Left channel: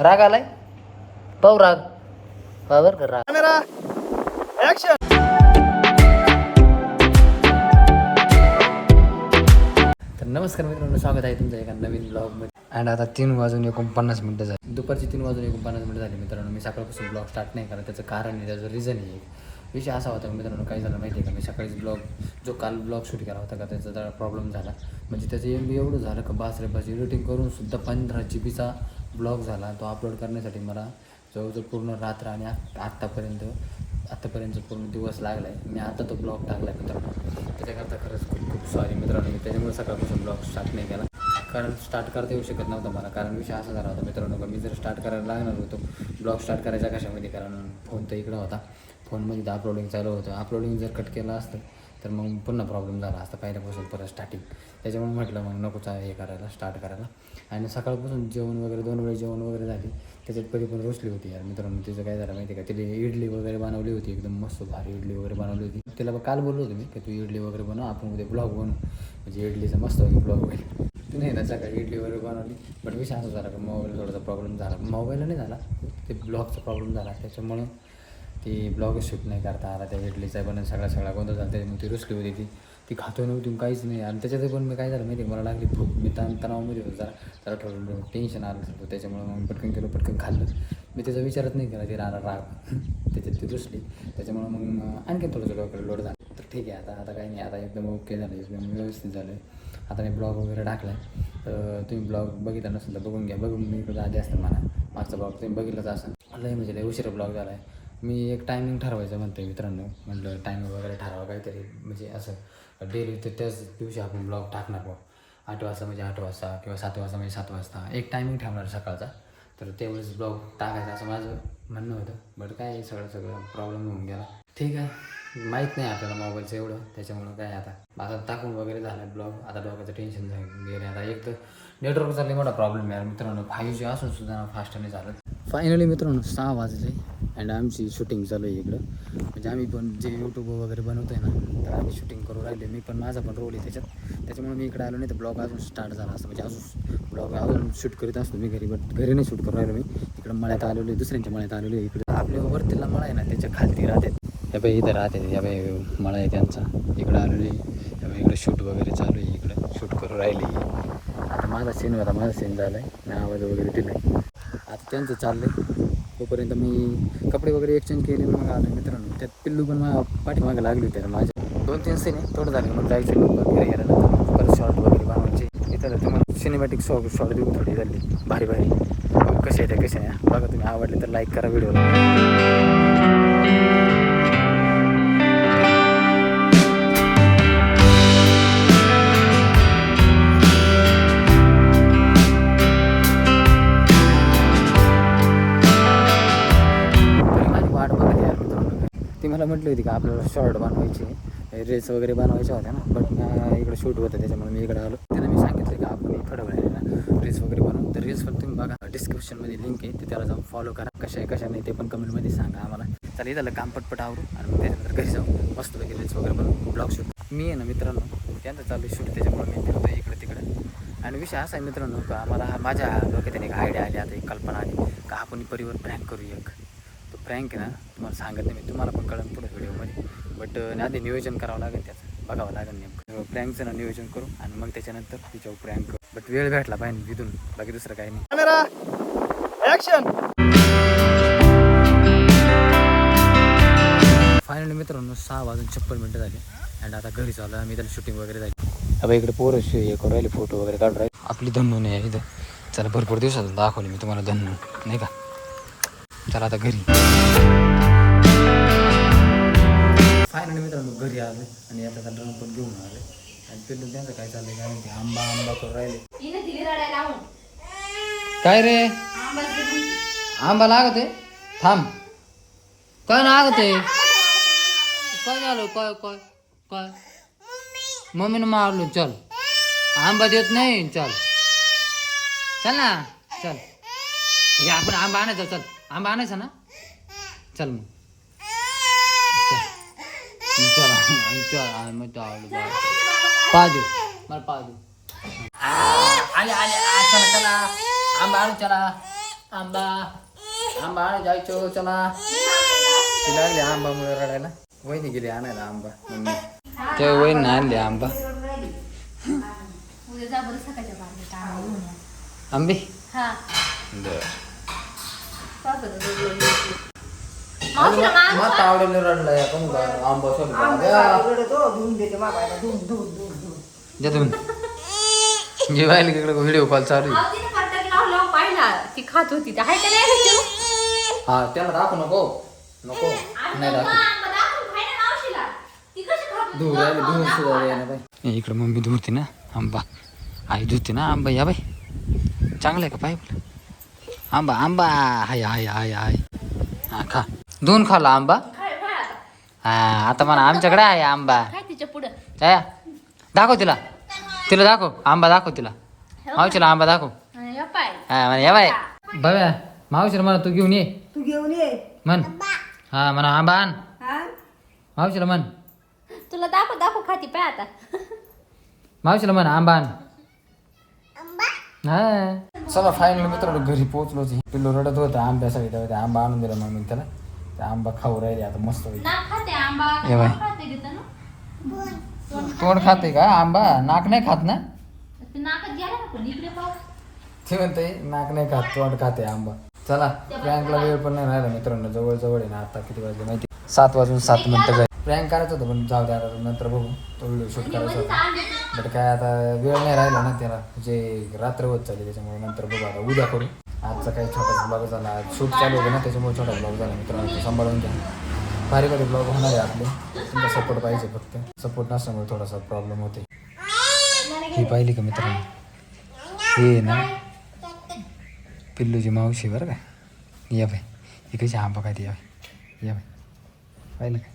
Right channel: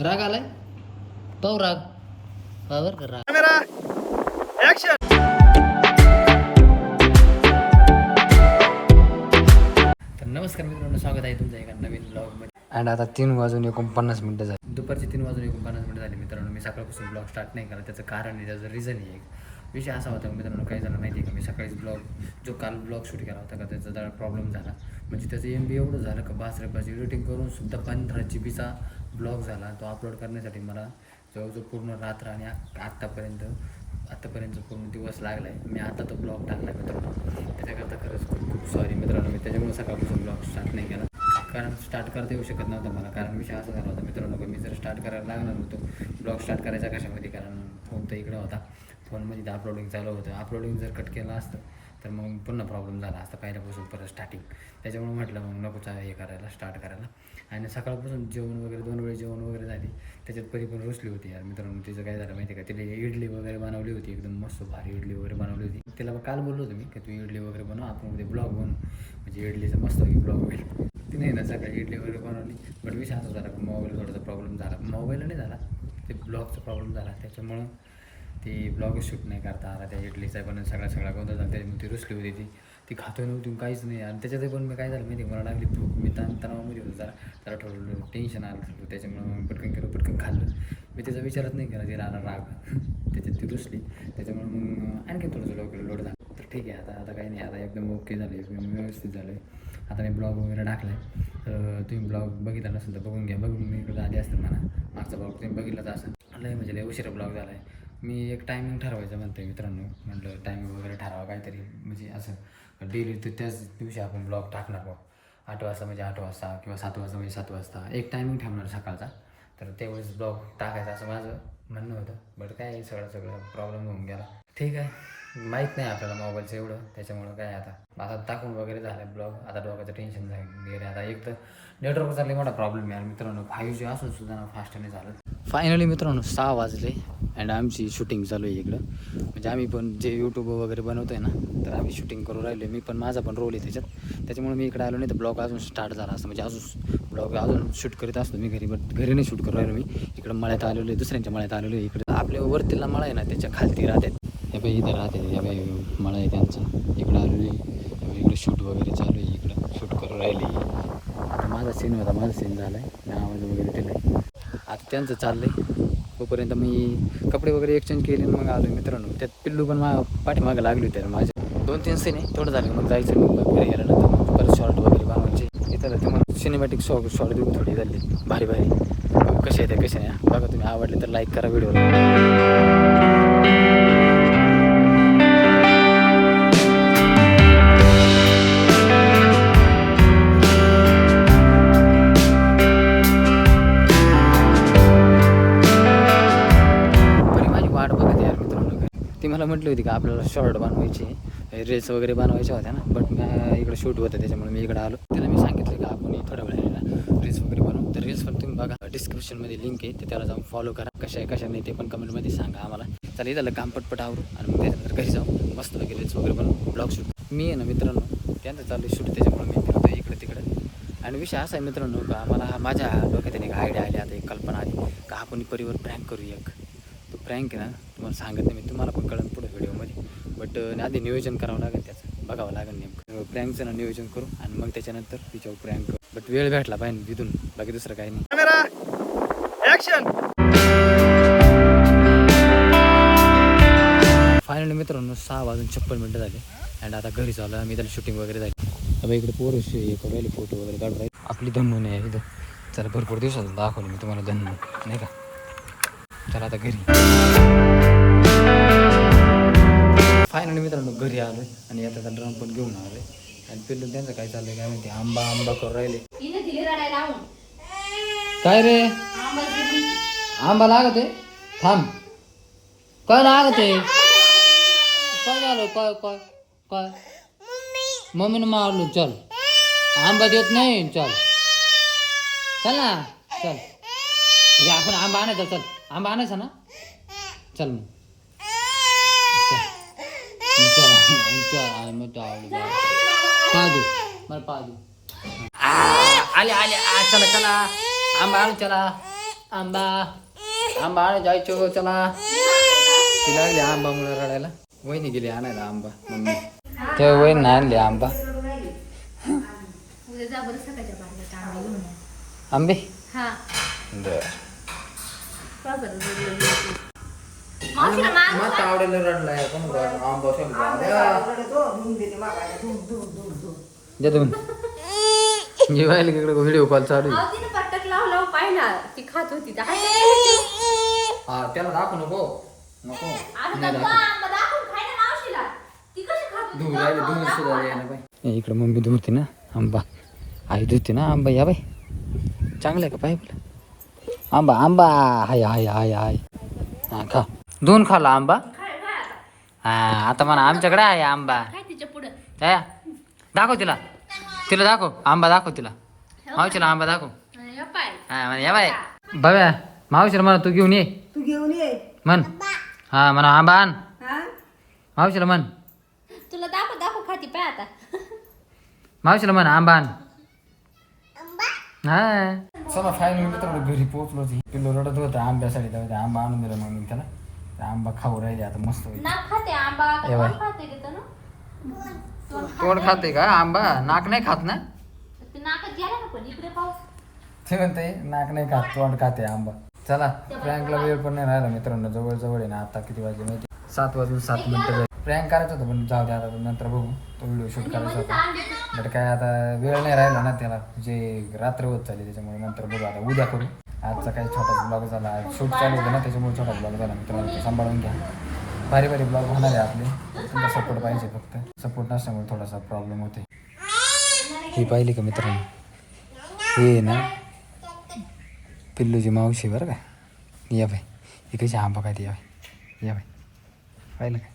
राग आलाय? पाहू राग. पावर कर राग. तर नमस्कार मित्रांनो स्वागत आहे तुमचं एका नवीन ब्लॉगमध्ये अँड आता तीन वाजून एकोणपन्नास मिनटं झाली. दुपारची तीन वाजून एकोणपन्नास मिनटं झाली मित्रांनो. मी सकाळपासून ब्लॉग स्टार्ट नाही करत. त्याचं कारण आहे त्याचं रिझन आहे एक. विषय असा होता मित्रांनो काय झालं माहिती आहे का? मी सकाळीच ब्लॉग जो काल ब्लॉग शूट केला होता का त्याचा जरा प्रॉब्लेम झाला. म्हणजे त्याचं एम बी एवढं झालं का बास रे बास. एडिटिंग करून सुद्धा पंधरा जी बीचा ब्लॉग झाला तो अपलोड करण्यासाठी मला जवळजवळ पूर्ण रात्र आणि आ- आत्तापर्यंत आत्तापर्यंत पूर्ण दिवस लागला आहे मी आता तो ब्लॉग टाकला आहे मित्रांनो. त्याच्याकरता खरंच खूप खूप सॉरी मित्रांनो मी त्याच्यामुळे सकाळपासून ब्लॉग स्टार्ट नाही केला. कारण स्टार्ट करता येऊ शकत नव्हता मला. कारण विषय असा झाला होता मित्रांनो का मी जर स्टार्ट करायला लागणार होतो ब्लॉग स्टार्ट करायचा कशामध्ये? कारण फोन तर इकडं होता. फोनमध्ये तर अपलोडिंग चालू होतं. अपलोडिंग जर कट केलं असतं तर मग पुन्हा प्रॉब्लेम झाला असता. पहिल्यापासून परत स्टार्टिंग त्याच्यामुळे म्हटलं मग नकोचा हे करायला स्टार्ट करायला. आणि सकाळपासून जेवण वगैरे दोन वेळेस जेवण वगैरे झाली. त्याच्यात परी पण रोसली होती यार. मित्रांनो तिचं काय झालं माहिती आहे का? तिला इडली वगैरे बनवली होती. एकदम मस्त भारी इडली वगैरे बनवली होती. तिला काल बोललो होतो मी की तू इडली वगैरे बनव आपण उद्या ब्लॉग बनवू. म्हणजे इडलीचा मस्त ब्लॉग होईल. नाही ना सकाळी इडली वगैरे बनवली. बट विषय असा झाला का मोबाईल थोडासा प्रॉब्लेम झाला. मोबाईल नाही झाला. ते ब्लॉगचा प्रॉब्लेम झाला. त्याच्यामुळं ती ब्लॉग शूट नाही करता आला त्या इडलीचा. पण सगळा सगळा गोंधळ झाला. त्याच्यामुळे ती रुसली होती ती. ती खातो नव्हती काहीच नाही. आणि त्याच्यात पण मी काय झालं माहिती मला लागली भूक. मी ताण तणावामध्ये होतो. जरा जरा ठरवलं टेन्शन आलं होतं त्याच्यामुळे मग पटकन केलं पटकन खाल्लं. मी त्याचा विचारच नाही केला तिला आला राग. त्याच्यात ती रुसली त्याच्यामुळे मग आणखी थोडंसं थोडं लोड झालं. तर ठीक आहे आता आता काही नाही. आता एकदम ओके झालं एकदम व्यवस्थित झालं आहे आता मी ब्लॉग वगैरे टाकला आहे तर तुम्ही ब्लॉग बघितला नसेल तर बघून घ्या. बघून मी इकडे आधी असतं मला. मागचा ब्लॉग तुम्ही बघितलाच असाल. लय म्हणजे लय उशिरा ब्लॉग झाला आहे मी एक टायमिंग ठरवायचं म्हणते मित्रांनो. म्हटलं टायमिंग वगैरे ठरवा काहीतरी. म्हणजे असं. डेली तर त्याच दिवशी आपण ब्लॉग टाकणार बघ आठ वाजता म्हणजे आठ वाजता किंवा सात वाजता म्हणजे सात वाजता. एक टायमिंग ठेवणार सकाळचा. तर त्यावेळेस ब्लॉग टाकायचा असं माझं म्हणणं होतं. बट काय सगळं सगळं प्रॉब्लेम होऊन गेला. ठीक आहे. माहीत नाही आपल्याला मोबाईलचं एवढं. त्याच्यामुळं काय आता? आता टाकून वगैरे झालं ब्लॉग आता डोक्याचं टेन्शन वगैरे गेले आता एक तर नेटवर्कचा लई मोठा प्रॉब्लेम आहे मित्रांनो. फाईव्ह जी असून सुद्धा ना फास्ट नाही झालं फायनली मित्रांनो सहा वाजले. अँड आमची शूटिंग चालू आहे इकडं. म्हणजे आम्ही पण जे यूट्यूब वगैरे बनवतो आहे ना तर आम्ही शूटिंग करू राहिले मी पण माझा पण रोल आहे त्याच्यात. त्याच्यामुळे मी इकडे आलो नाही तर ब्लॉग अजून स्टार्ट झाला असतं. म्हणजे अजून ब्लॉग अजून शूट करीत असतो मी घरी बट घरी नाही शूट करू राहिलो मी. इकडं मळ्यात आलेलो आहे दुसऱ्यांच्या मळ्यात आलेलो आहे. इकडे आपल्या वरतीला मळा आहे ना त्याच्या खालती राहतात हे बाई इथं राहते. या बाई मळा आहे त्यांचा. इकडं आलेली आहे. त्या बाई इकडं शूट वगैरे चालू आहे. इकडं शूट करू राहिली. आता माझा सीन होता माझा सीन झाला आहे मी आवाज वगैरे दिला आता त्यांचं चाललं आहे तोपर्यंत मी कपडे वगैरे एक्सचेंज केले मग आलो मित्रांनो. त्यात पिल्लू पण मा पाठीमागं लागली होती. माझ्या दोन तीन सीन आहे. थोडं झालं मग जायचं मग घरी गेल्यानंतर मग परत शॉर्ट वगैरे बनवायचे. इथं तुम्हाला सिनेमॅटिक शॉर्ट शॉर्ट देऊ थोडी झाली. भारी भारी. कसे आहे ते कसे नाही? बघा तुम्ही. आवडले तर लाईक करा व्हिडिओ मला म्हटली होती का आपल्याला शॉर्ट बनवायची रील्स वगैरे बनवायच्या होत्या ना बट मी इकडे शूट होतं त्याच्यामुळे मी इकडे आलो. त्याला मी सांगितले की आपण थोड्या वेळेला रील्स वगैरे बनवू. तर रील्स पण तुम्ही बघा. डिस्क्रिप्शनमध्ये लिंक आहे ते त्याला जाऊन फॉलो करा. कशा आहे कशा नाही ते पण कमेंटमध्ये सांगा आम्हाला. चालेल त्याला काम पटपट आवरू आणि मग त्याच्यानंतर घरी जाऊ. मस्त लगे रील्स वगैरे बनवू. ब्लॉग शूट मी आहे ना मित्रांनो त्यांचं चालू शूट त्याच्यामुळे मी फिरतो इकडे तिकडे. आणि विषय असा आहे मित्रांनो का आम्हाला माझ्या डोक्यात एक आयडिया आली आता एक कल्पना आली का आपण परिवार प्रँक करू एक. तो प्रँक आहे ना तुम्हाला सांगत नाही मी तुम्हाला पण कळन पुढे व्हिडिओमध्ये. बट आधी नियोजन करावं लागेल त्याचं बघावं लागेल नेमकं. प्रँकचं ना नियोजन करू आणि मग त्याच्यानंतर तिच्यावर प्रँक करू. बट वेळ भेटला पाहिजे तिथून बाकी दुसरं काही नाही. फायनली मित्रांनो सहा वाजून छप्पन मिनटं झाले. अँड आता घरी चालू आहे. आम्ही त्याला शूटिंग वगैरे झाली. आता इकडे पोरं शे- हे करू राहिले फोटो वगैरे काढू राहिले. आपली धन्नू नाही आहे इथं. चला भरपूर दिवसातून दाखवली मी तुम्हाला धन्नू नाही का? चला आता घरी. फायनली मित्रांनो घरी आलो आणि आता ड्रम पण घेऊन आले आणि पिल्लू त्यांचं काय चाललंय काय माहिती? आंबा आंबा करू राहिले. काय रे. आंबा लागत? आहे थांब. काय लागत? आहे काय झालं? काय काय काय? मम्मीनं मारलो चल. आंबा देत नाही चल. चल ना चल. हे आपण आंबा आणायचा चल. आंबा आणायचा ना? चल मग. चल चल चल आंबा चावलं बा. पा दे मला पा दे आ, आले आले आ, चला चला आंबा आणू चला आंबा आंबा आणायला जायचो चला ती लागली आंबा मुळे बरं रडरड? मग आवडेल रडला या पण आंबा द्या तुम्ही. जे पाहिलं की इकडे व्हिडिओ कॉल चालू आहे. ती खात होती हाय का नाही? हा त्याला दाखवू नको. नको. आणि नाही मग दाखवू. आंबा दाखवून खाय ना मावशीला. ती कशी खात होती? धुवून राहिले धुवून सुद्धा ना इकडे मम्मी धुवते ना आंबा. आई धुते ना आंबा या बाई. चांगलं आहे का पाय बोला? आंबा आंबा. हाय हाय हाय हाय. हा खा. धुवून खाल्ला आंबा. हा आता म्हणा आमच्याकडे आहे आंबा. काय दाखव तिला. तिला दाखव आंबा दाखव तिला. मावशीला आंबा दाखव. हे. हा म्हणा या बाय. बाब्या मावशीला म्हणा तू घेऊन ये. तू घेऊन ये. म्हण. हा म्हणा आंबा आण. हा? मावशीला म्हण. तुला दाखव दाखव खाती पाय आता. मावशीला म्हण आंबा आण. हा. चला फायनल मित्रांनो घरी पोहोचलो पिल्लो रडत होतं आंब्यासाठी आंबा आणून दिला मग त्याला. आंबा खाऊ राहिले आता मस्त होईल नाक खाते बाय. तोंड का? आंबा? नाक नाही खात ना? ते म्हणते नाक नाही खात तोंड खाते आंबा. चला प्रँकला वेळ पण नाही राहिला मित्रांनो. जवळ जवळ आहे ना आता किती वाजले माहिती? सात वाजून सात मिनिटं जाईल प्रँक करायचं होतं पण जाऊ द्या नंतर बघू. तो व्हिडिओ शूट करायचा होता. बट काय आता वेळ नाही राहिला ना त्याला. जे रात्र होत चालली त्याच्यामुळे नंतर बघू आता. उद्या करू. आजचा काही छोटा ब्लॉग झाला. आज शूट चालू होतं ना त्याच्यामुळे छोटा ब्लॉग झाला. मित्रांनो तो सांभाळून घ्या. भारी भारी ब्लॉग होणार आहे आपले. तुमचा सपोर्ट पाहिजे फक्त. सपोर्ट नसल्यामुळे थोडासा प्रॉब्लेम होते ही पाहिली का मित्रांनो? हे ना पिल्लूची मावशी बरं का. या बाई. ही कशी आंबा काय या बाई. या बाई. पाहिलं का?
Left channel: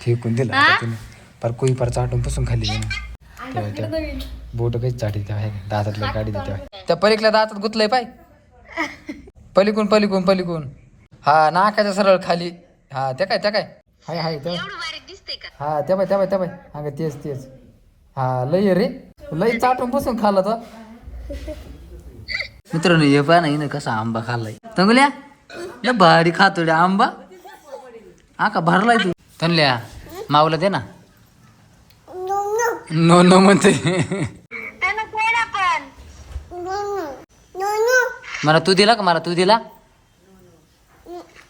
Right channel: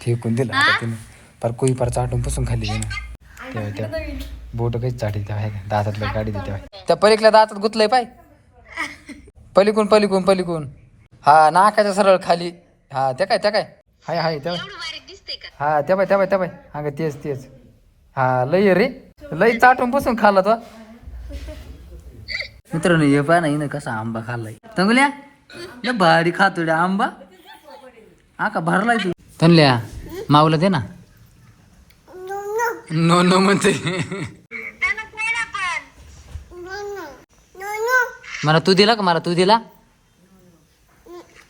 फेकून दिलं तिने. पर कुई पर चाटून पुसून तेव्हा तेव्हा बोट कशी चाटी तेव्हा का? दातातल्या गाडी तेव्हा. त्या पलीकडल्या दातात गुतलंय पाय. पलीकून पलीकून पलीकून. हा नाकाच्या सरळ खाली. हा त्या काय त्या काय? हाय हाय त्या. हा त्या बाय त्या बाय त्या बाय हा का तेच तेच. हा लय रे. लय चाटून पुसून खाल्ला तो. मित्रांनो हे पहा ना हिनं कसा आंबा खाल्लाय. तंगल्या ल भारी खातो रे आंबा. हा का भरलाय तू? तनल्या माऊला दे ना. नो नो म्हणते मला तू दिला का? मला तू दिला?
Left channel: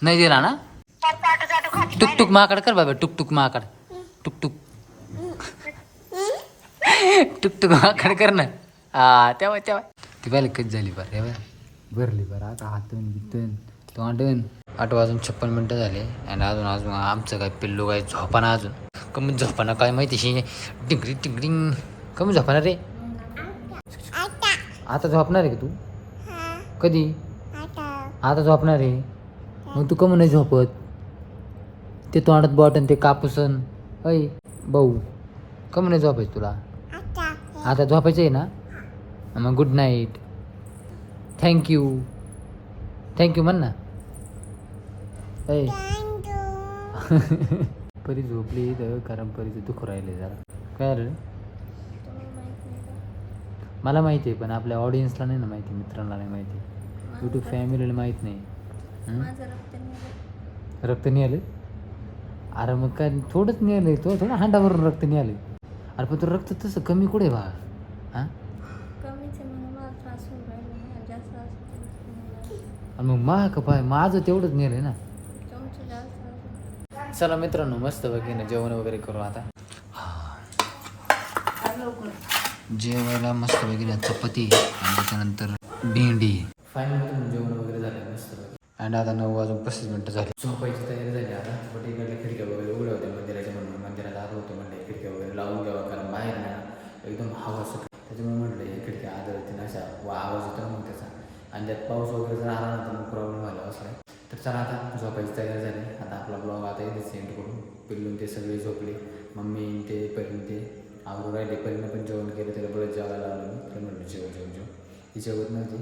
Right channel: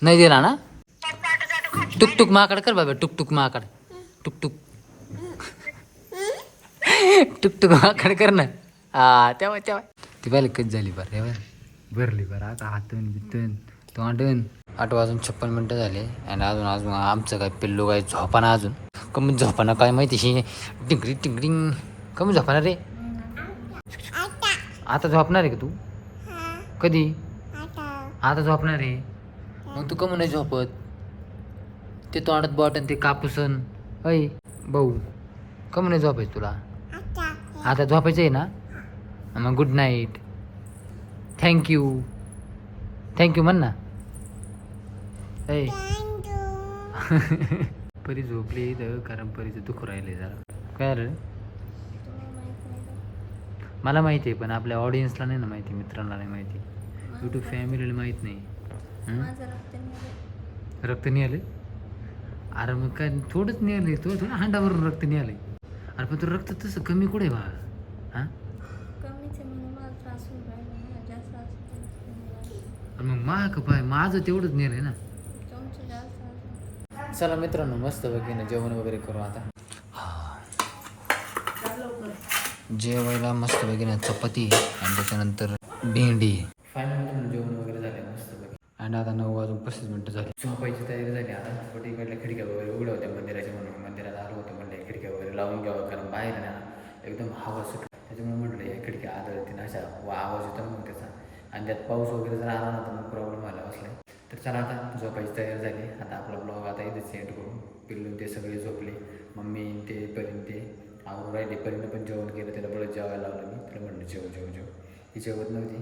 नाही दिला ना? टुक टुक माकड कर बाबा टुक टुक माकड. टुक टुक टुक टुक माकड कर ना. हा तेव्हा तेव्हा. ती पहिली कच झाली बरं? तेव्हा भरली बरं. आता हातून बितून तोंडून. आठ वाजून छप्पन मिनटं झाले. आणि अजून अजून आमचं काय पिल्लू काय झोपाना अजून. कमी झोपाना काय माहिती शी? टिंगरी टिंगरिंग कमी झोपाना रे. आता झोपणार आहे का तू? कधी? आता झोपणार आहे. मग तू कमी नाही झोपत. ते तोंडात बॉटन ते कापूसन अय भाऊ कमी नाही झोपायचं तुला. आता झोपायचं आहे ना? मग गुड नाईट थँक्यू थँक्यू म्हण ना. ऐ. परी झोपली तर कारण परीचं दुःख राहिले जरा. काय रे मला माहिती आहे पण आपल्या ऑडियन्सला नाही ना माहिती मित्रांना नाही माहिती. यूट्यूब फॅमिलीला माहीत नाही? रक्त नाही आले अरे मग काय थोडंच आलंय तो थोडं हांडावरून रक्त आलंय अरे पण तो रक्त तसं कमी कुठे बा? हां? मग मा का पाय माझं तेवढंच नेलंय ना. चला मित्रांनो मस्त बघीनं जेवण वगैरे करू आता. जेवायला मस्त बघीनं चपाती आणि त्याच्यानंतर भेंडी. फायनल जेवण वगैरे झालं मस्त आणि आता नऊ वाजून पस्तीस मिनटं झाली. झोपायची तयारी झाली आता. कुठे इकडल्या खिडक्या वगैरे उघड्या होत्या मंदिराच्या म्हणून. मंदिरात आलो होतं म्हणलं खिडक्या वगैरे लावून घ्यावं कारण बाहेर ना एकदम हवा सुट त्याच्यामुळे म्हटलं या खिडक्या आदळतील अशा व आवाज येतो मग त्याचा. आणि त्यात पाऊस वगैरे जर आला ना तर मग प्रॉब्लेम व्हायला बसला तर चला आता झोपायची तयारी झाली. आता आपला ब्लॉग आता इथे सेंड करून पिल्लून ते सगळे झोपले. मम्मी ते परीन ते. आवरून राहिले. परीनं पण जेवण केलं. त्याला बळत जेवायला लावलं मी. त्याला म्हणलं जेव जेव जेव. ती जेवत नव्हती.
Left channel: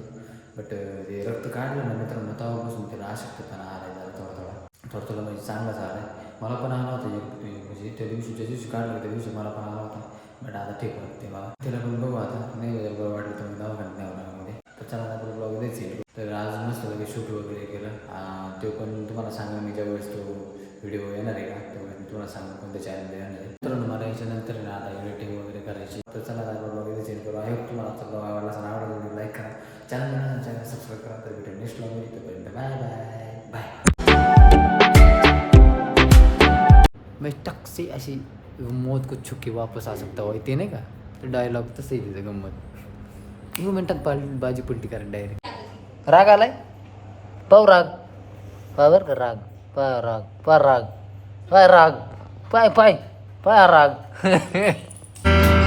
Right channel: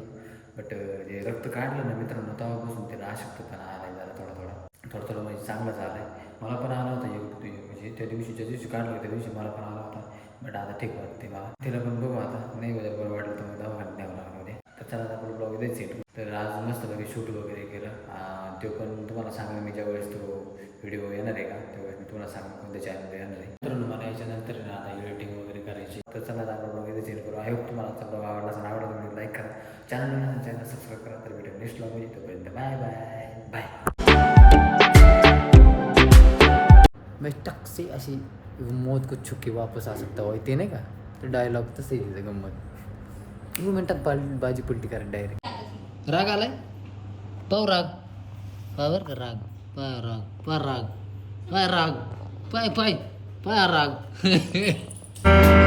बट ते रक्त काढलं ना मित्रांनो तेव्हापासून त्याला अशक्तपणा आलाय झाला थोडा थोडा. थोडा थोडा म्हणजे चांगला झाला आहे मला पण आला होता एक म्हणजे त्या दिवशी ज्या दिवशी काढलं त्या दिवशी मला पण आला होता. बट आता ठीक वाटते मला तिला पण बघू आता. नाही बरं वाटलं तर मग दवाखान्यात न्यावं लागणार तर चला आता आपलं ब्लॉग इथेच येईल तर आज मस्त शूट वगैरे तो पण तुम्हाला सांगेन मी ज्यावेळेस तो व्हिडिओ येणार आहे का त्यावेळेस मी तुम्हाला सांगेन कोणत्या चॅनलला येणार आहे. तर मला याच्यानंतर ना आता एडिटिंग वगैरे करायची तर चला आता ब्लॉग इथे चेंज करू. आय होप तुम्हाला आजचा ब्लॉग आवडला असेल आवडला व्हिडिओ लाईक करा. चॅनल चॅनल सबस्क्राईब करा तर भेटेल नेक्स्ट ब्लॉग तोपर्यंत बाय बाय बाय मैं टक से ऐसी मौत को छुके वापस आ सकता हो ते नाही का? ते डायलॉग तसं आहे तिचं गंमत एक मिनटात बाजी पलटी करा डायरेक्ट राग आलाय पाव राग। पावर का राग पाय राग पा राग पाय राग पाय पाय पाय राग